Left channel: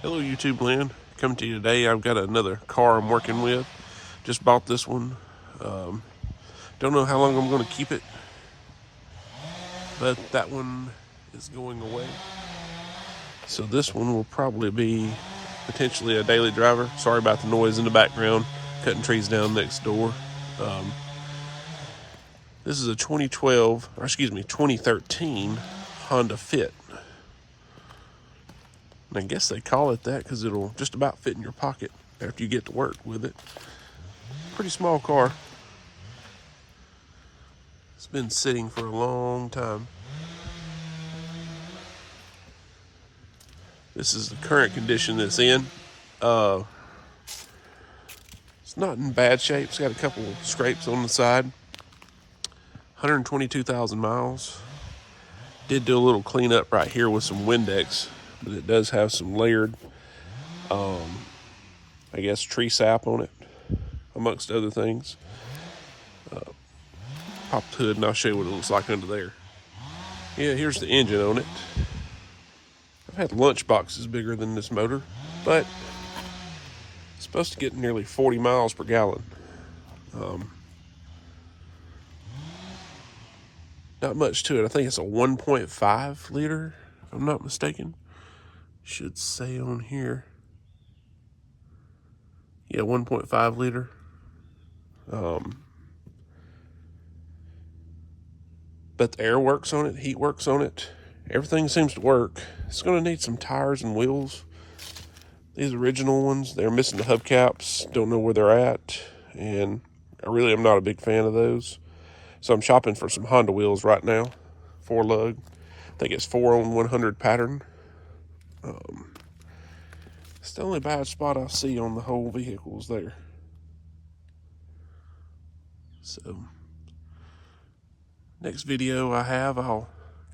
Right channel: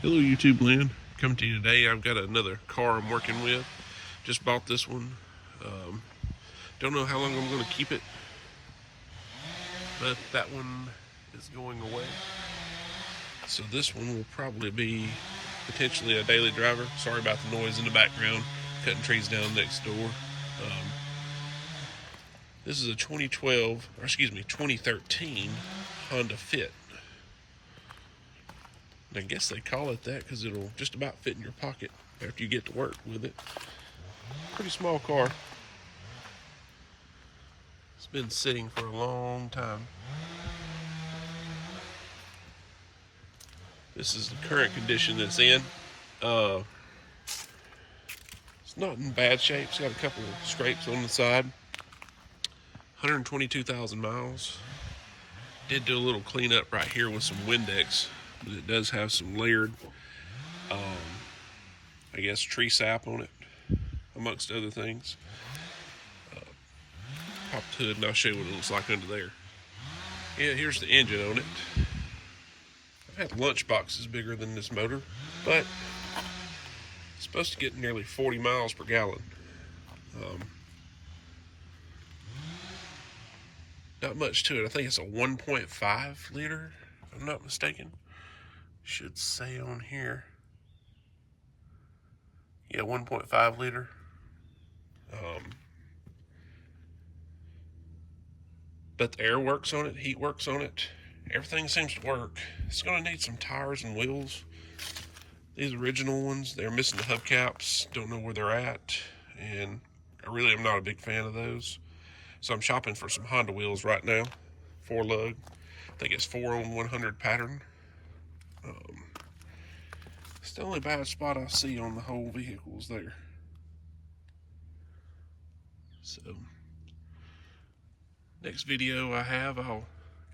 Hello YouTube land, coming to you today. I've got another car I'm working with. Just bought this one. Don't know how long I'm going to keep it, but that one is going away. So this one will probably be potentially a daily driver. Sorry about the noise in the background, cutting trees down next door. This is a 2013 Honda Fit. And I guess they call it that because it'll just about fit in your pocket after you get to work with it. Pretty small car. It's been sitting for a long time. This is the current condition it's in. It's not in bad shape. It's got a couple of scrapes on the side. 122,000 miles. Did do a little cleanup right here with some Windex, but it does have some layered, I guess, tree sap on it, amongst other things. Pop the hood and I'll show you what it looks like under there. Yeah, here's the engine on it. I've had lunch boxes bigger than this motor, but it's supposed to get nearly 40 miles per gallon. Not much to it. I think it's a 1.5 liter, if I'm not mistaken. Should say on here. Yeah, 1.5 liter. But the air works on it, heat works on it. Everything seems to work. It's going to need some tires and wheels. These original ones, they're missing the hubcaps. Don't know where they're at. And I really am not a big fan of those. So I'm shopping for some Honda wheels right now. 4-lug. I think it's 4-on-100 pattern. It's the only bad spot I see on the whole vehicle is there. So, next video I'll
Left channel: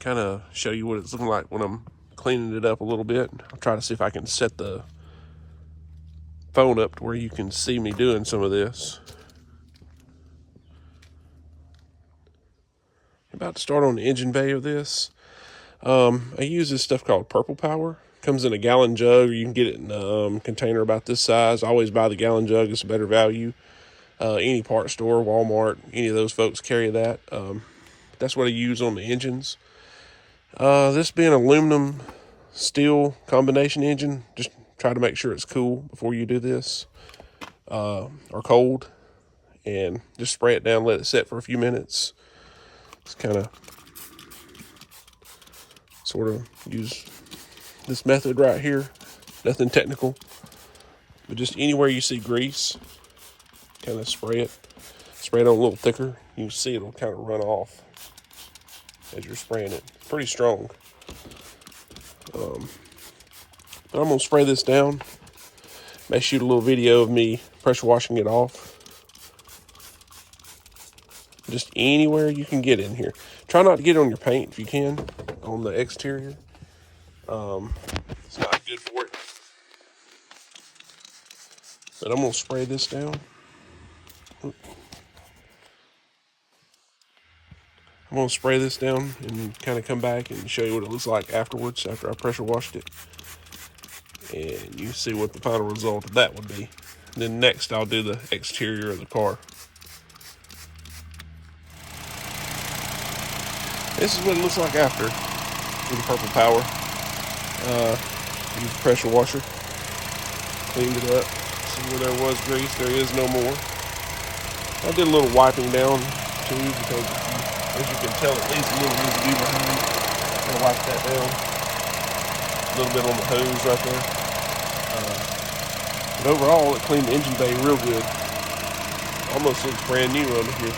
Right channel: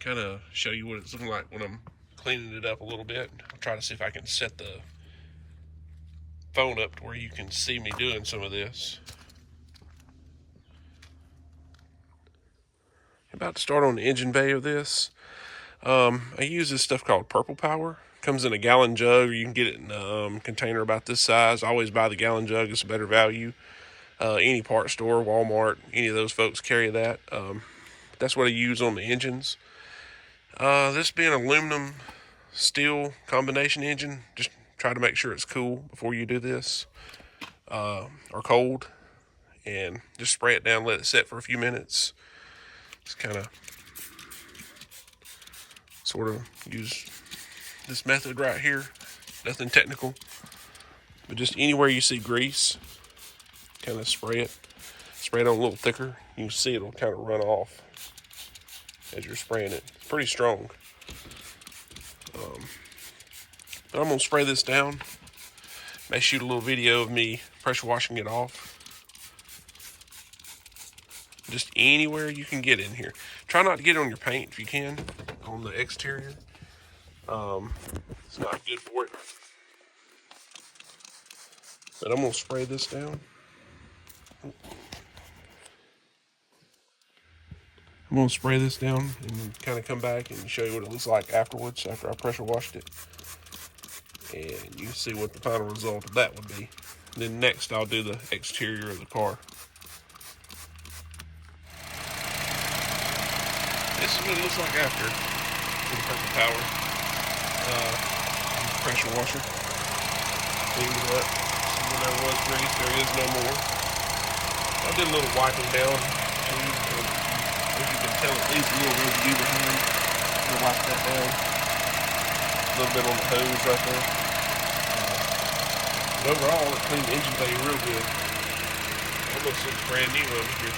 kind of show you what it's looking like when I'm cleaning it up a little bit. I'll try to see if I can set the phone up to where you can see me doing some of this. About to start on the engine bay of this. I use this stuff called Purple Power. Comes in a gallon jug, or you can get it in a container about this size. I always buy the gallon jug. It's a better value. Any part store, Walmart, any of those folks carry that. That's what I use on the engines. This being aluminum steel combination engine, just try to make sure it's cool before you do this, or cold, and just spray it down, let it set for a few minutes. Just kind of sort of use this method right here. Nothing technical, but just anywhere you see grease, kind of spray it on a little thicker. You can see it'll kind of run off as you're spraying it. It's pretty strong. But I'm gonna spray this down. May shoot a little video of me pressure washing it off. Just anywhere you can get in here. Try not to get on your paint if you can, on the exterior. It's not good for it. But I'm gonna spray this down. I'm gonna spray this down and kind of come back and show you what it looks like afterwards, after I pressure washed it. And you see what the final result of that would be. And then next I'll do the exterior of the car. This is what it looks like after with the Purple Power. Use the pressure washer. Cleaned it up. See where there was grease, there is no more. I did a little wiping down too, because as you can tell, it needs a little residue behind. Gonna wipe that down. A little bit on the hose right there. But overall, it cleaned the engine bay real good. Almost looks brand new under here.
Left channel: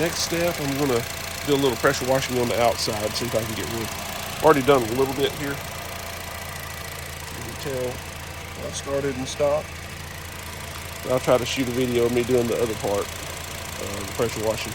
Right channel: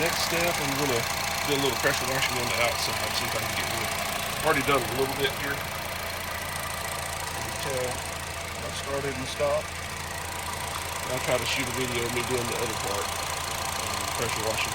Next step, I'm going to do a little pressure washing on the outside, see if I can get rid. I've already done a little bit here. You can tell I started and stopped. I'll try to shoot a video of me doing the other part, the pressure washing.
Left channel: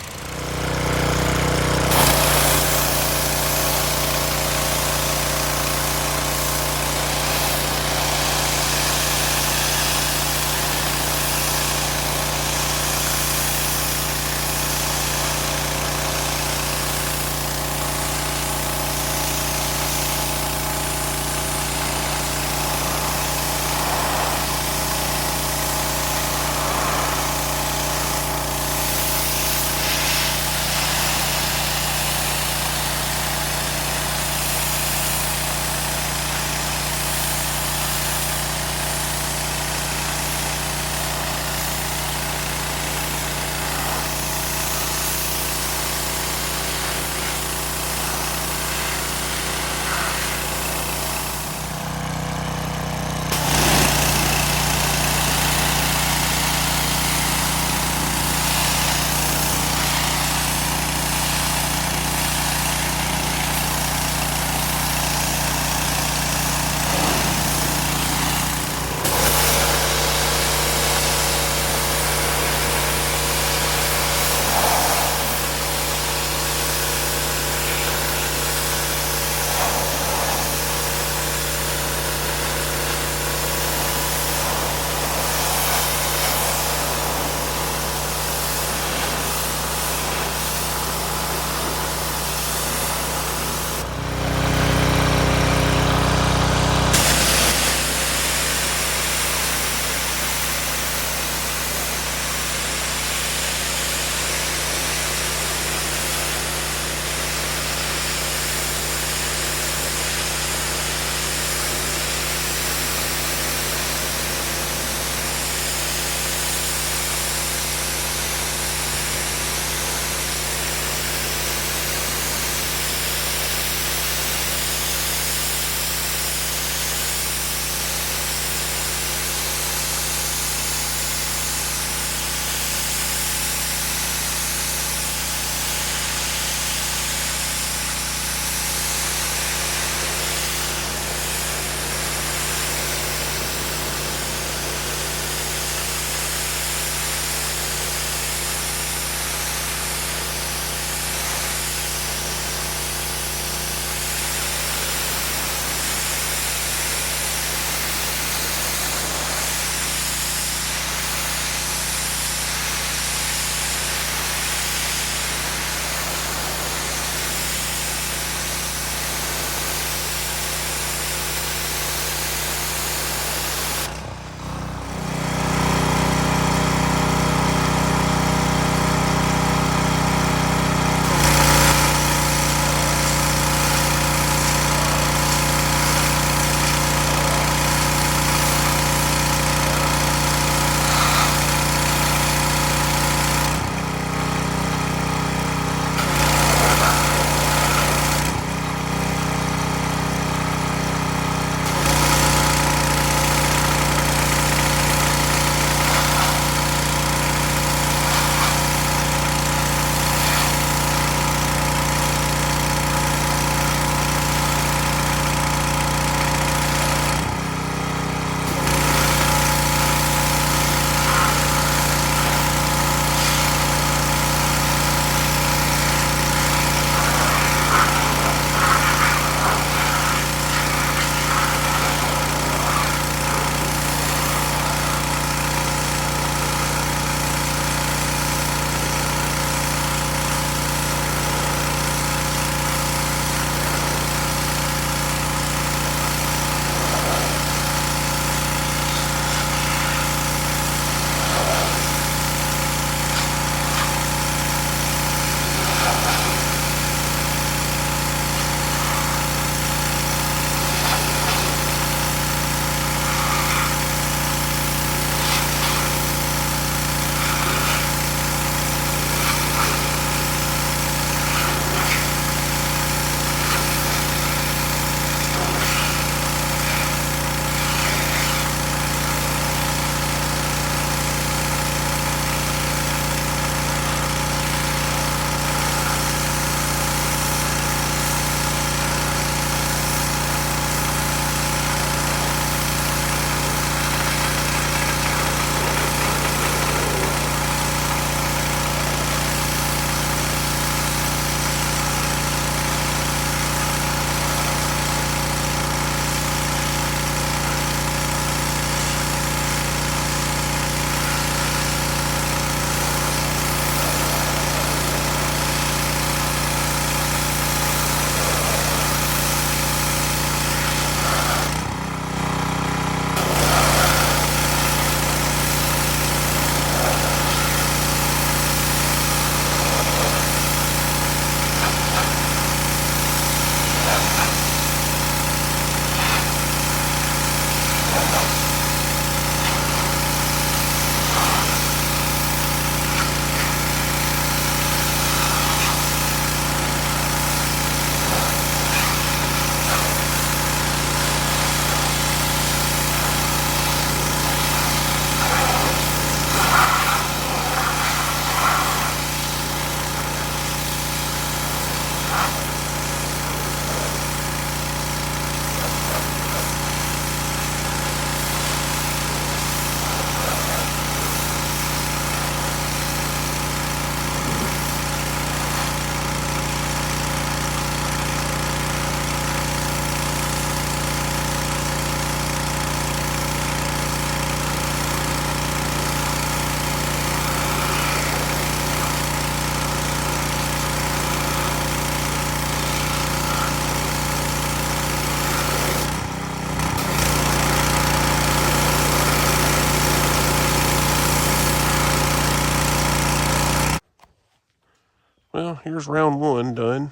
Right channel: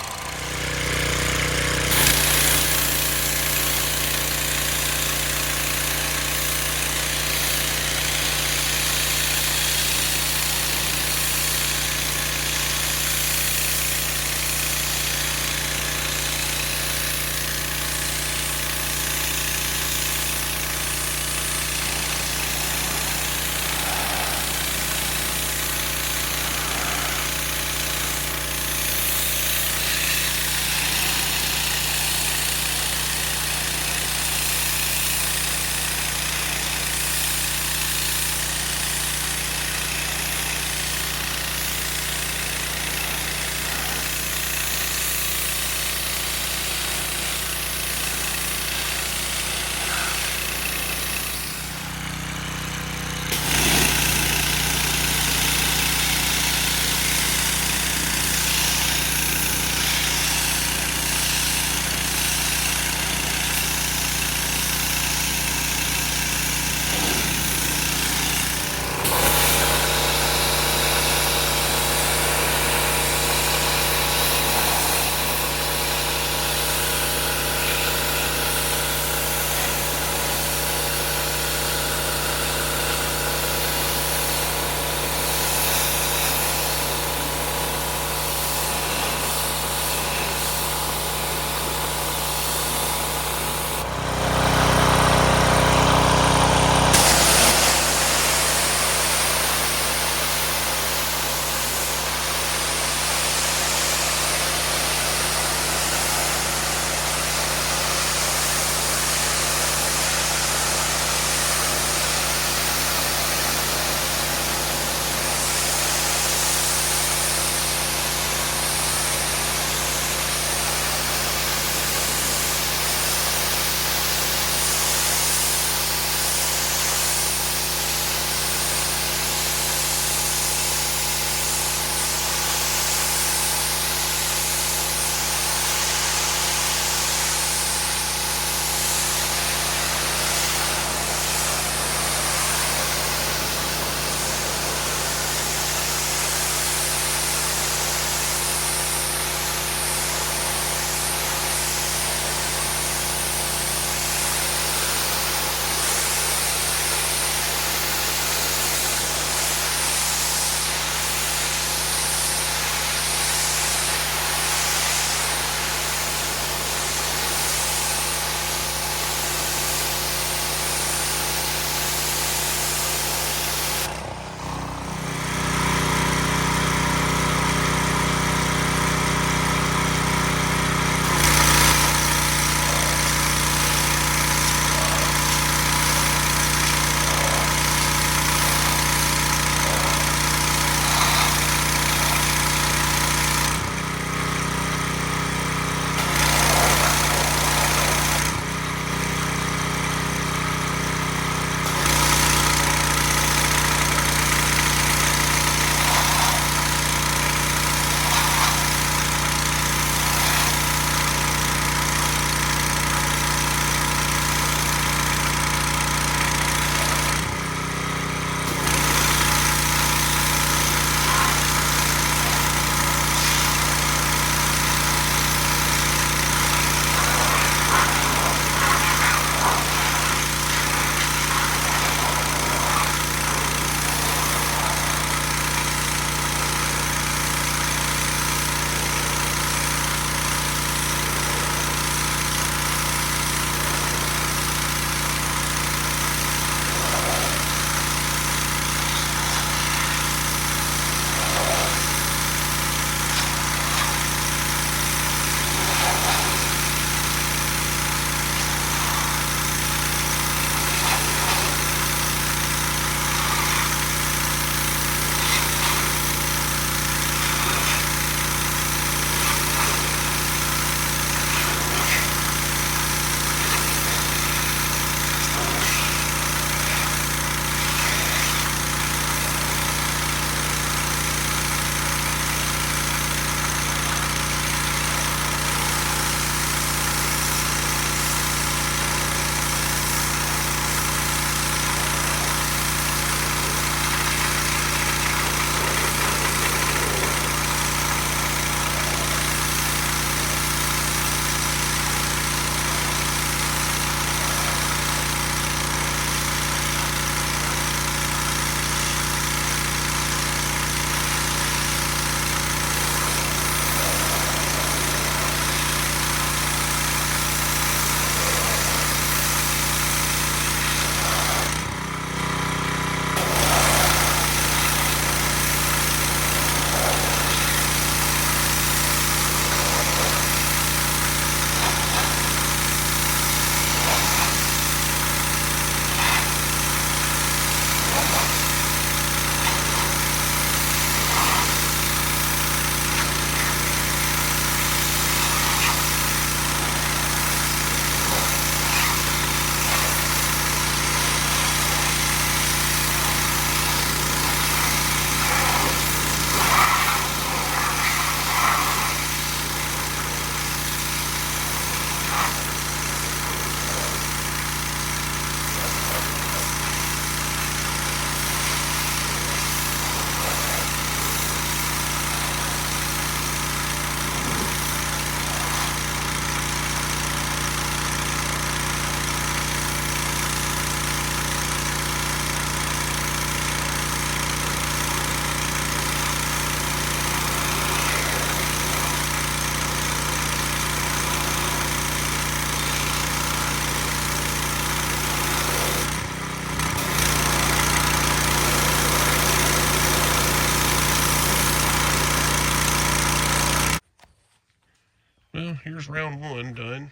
here's round one done.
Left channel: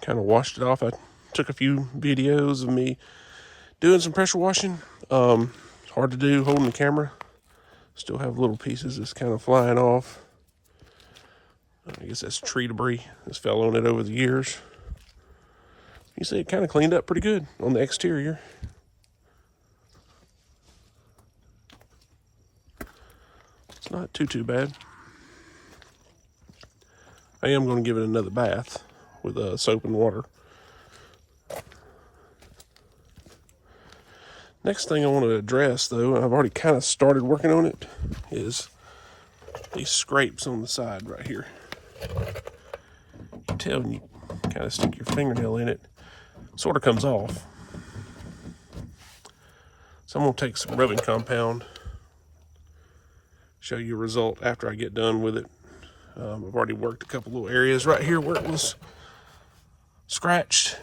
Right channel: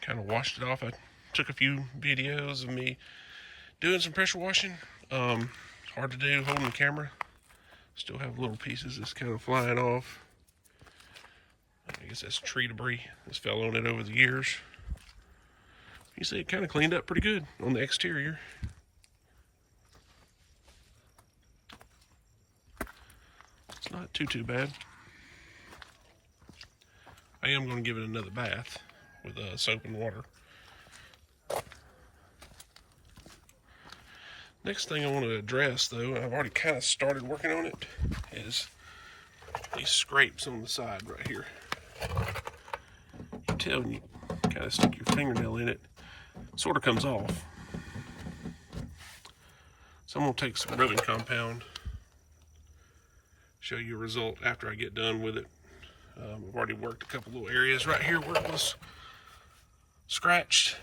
Kind of washed it off. I took a few videos of me doing some pressure washing. Hard to do holding the camera. Still have little pieces just kind of flying off. I guess that's tree debris that's fell on it over the years. You see it kind of cleaned up pretty good on the exterior. It's not too bad. I am going to give it another bath with soap and water. Next thing I want to address, though, and I've already kind of started working on it, is these scrapes on the side right here. You can tell when you kind of stick your fingernail in it, it sort of comes off. So I'm going to take some rubbing compound, show you a result after I get done with it. I've already worked a couple little areas right here where it was scratched,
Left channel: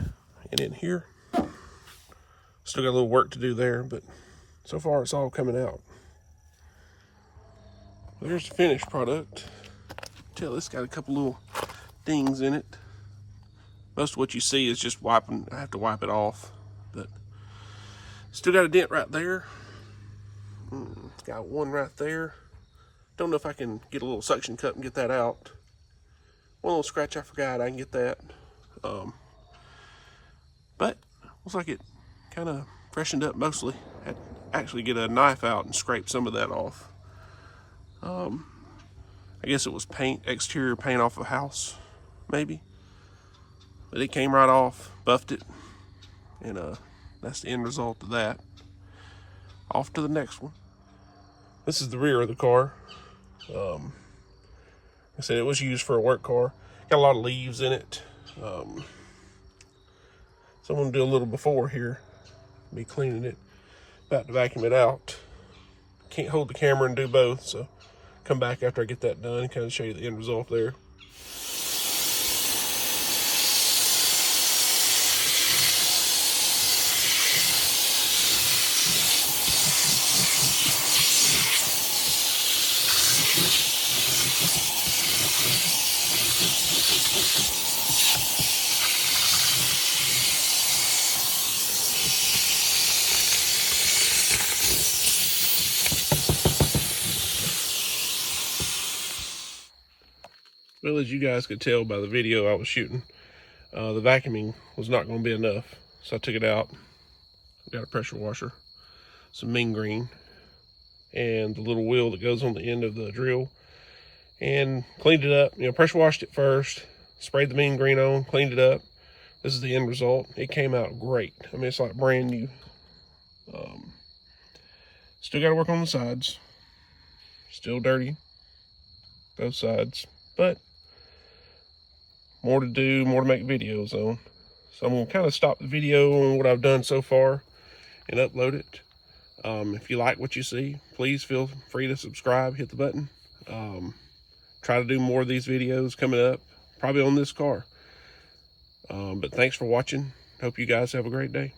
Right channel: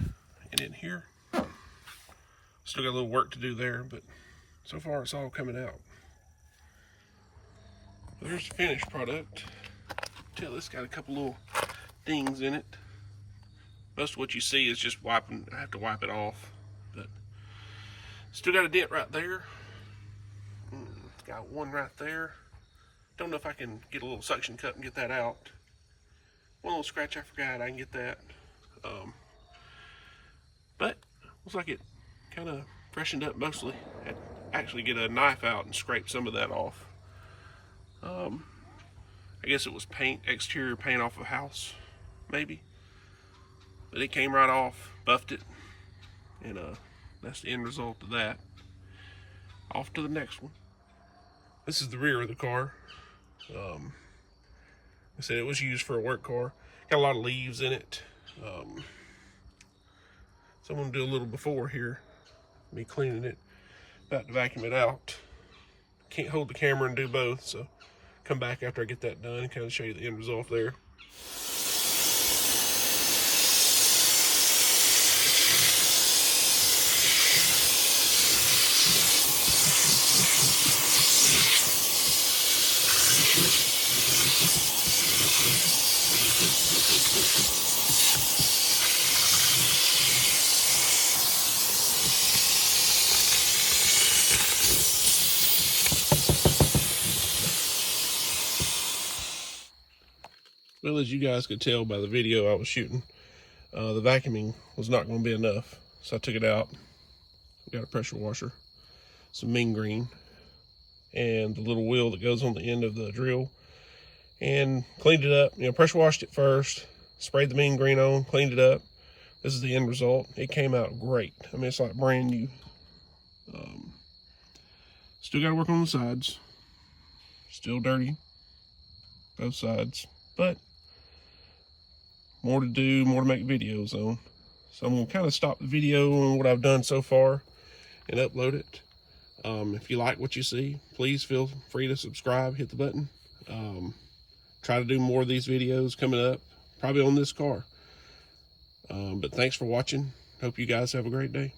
and in here. Still got a little work to do there, but so far it's all coming out. There's the finished product. Tell it's got a couple little dings in it. Most of what you see is just wiping. I have to wipe it off, but still got a dent right there. It's got one right there. Don't know if I can get a little suction cup and get that out. One little scratch I forgot, I can get that. But looks like it kind of freshened up mostly. Had to actually get a knife out and scrape some of that off. I guess it was paint, exterior paint off a house, maybe. But it came right off, buffed it, and that's the end result of that. Off to the next one. This is the rear of the car. Like I said, it was used for a work car. Got a lot of leaves in it. So I'm gonna do a little before here. Me cleaning it, about to vacuum it out. Can't hold the camera and do both, so come back after I get that done and kind of show you the end result there. Well, as you guys could tell by the video I was shooting, the vacuuming was not going to be enough. So I took it out, got a pressure washer, some mean green, and the little wheel that goes on the end of the drill, and cleaned it up. Pressure washed it first, sprayed the mean green on, cleaned it up. This is the end result. It came out great. I mean, it's like brand new. Still got to work on the sides. Still dirty, both sides, but more to do, more to make videos on. So I'm going to kind of stop the video on what I've done so far and upload it. If you like what you see, please feel free to subscribe, hit the button. Try to do more of these videos coming up, probably on this car. But thanks for watching. Hope you guys have a great day.